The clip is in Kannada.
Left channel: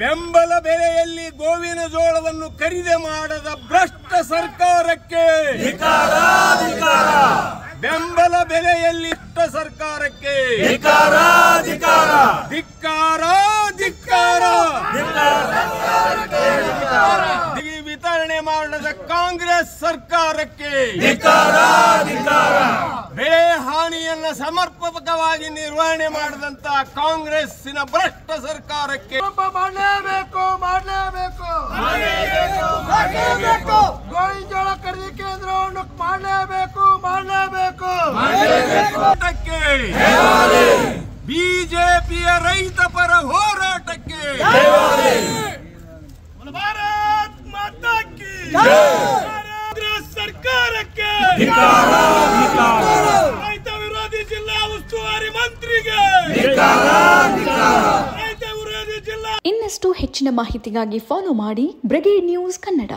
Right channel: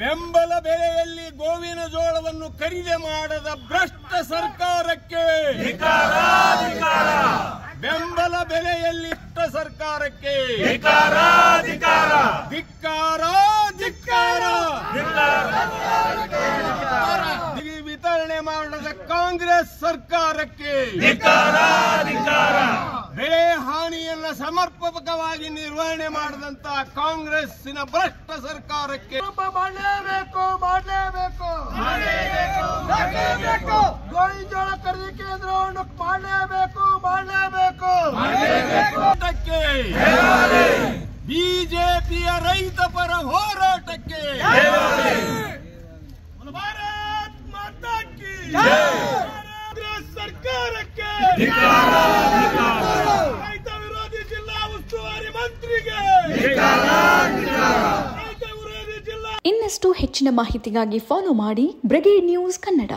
ಬೆಂಬಲ ಬೆಲೆಯಲ್ಲಿ ಗೋವಿನ ಜೋಳವನ್ನು ಖರೀದಿ ಮಾಡದ ಭ್ರಷ್ಟ ಸರ್ಕಾರಕ್ಕೆ ಬೆಂಬಲ ಬೆಲೆಯಲ್ಲಿ ಸರ್ಕಾರಕ್ಕೆ ಧಿಕ್ಕಾರ ವಿತರಣೆ ಮಾಡದ ಕಾಂಗ್ರೆಸ್ ಸರ್ಕಾರಕ್ಕೆ ಬೆಳೆ ಹಾನಿಯನ್ನ ಸಮರ್ಪಕವಾಗಿ ನಿರ್ವಹಣೆ ಮಾಡದಂತ ಕಾಂಗ್ರೆಸ್ಸಿನ ಭ್ರಷ್ಟ ಸರ್ಕಾರಕ್ಕೆ ಮಾಡಲೇಬೇಕು ಗೋವಿನ ಜೋಳ ಖರೀದಿ ಕೇಂದ್ರವನ್ನು ಮಾಡಲೇಬೇಕು ಬಿಜೆಪಿಯ ರೈತ ಪರ ಹೋರಾಟಕ್ಕೆ ಭಾರತ್ ಮಾತಾ ಕಿ ಕಾಂಗ್ರೆಸ್ ಸರ್ಕಾರಕ್ಕೆ ರೈತ ವಿರೋಧಿ ಜಿಲ್ಲಾ ಉಸ್ತುವಾರಿ ಮಂತ್ರಿಗೆ ಇನ್ನಷ್ಟು ಹೆಚ್ಚಿನ ಮಾಹಿತಿಗಾಗಿ ಫಾಲೋ ಮಾಡಿ ಬ್ರಿಗೇಡ್ ನ್ಯೂಸ್ ಕನ್ನಡ.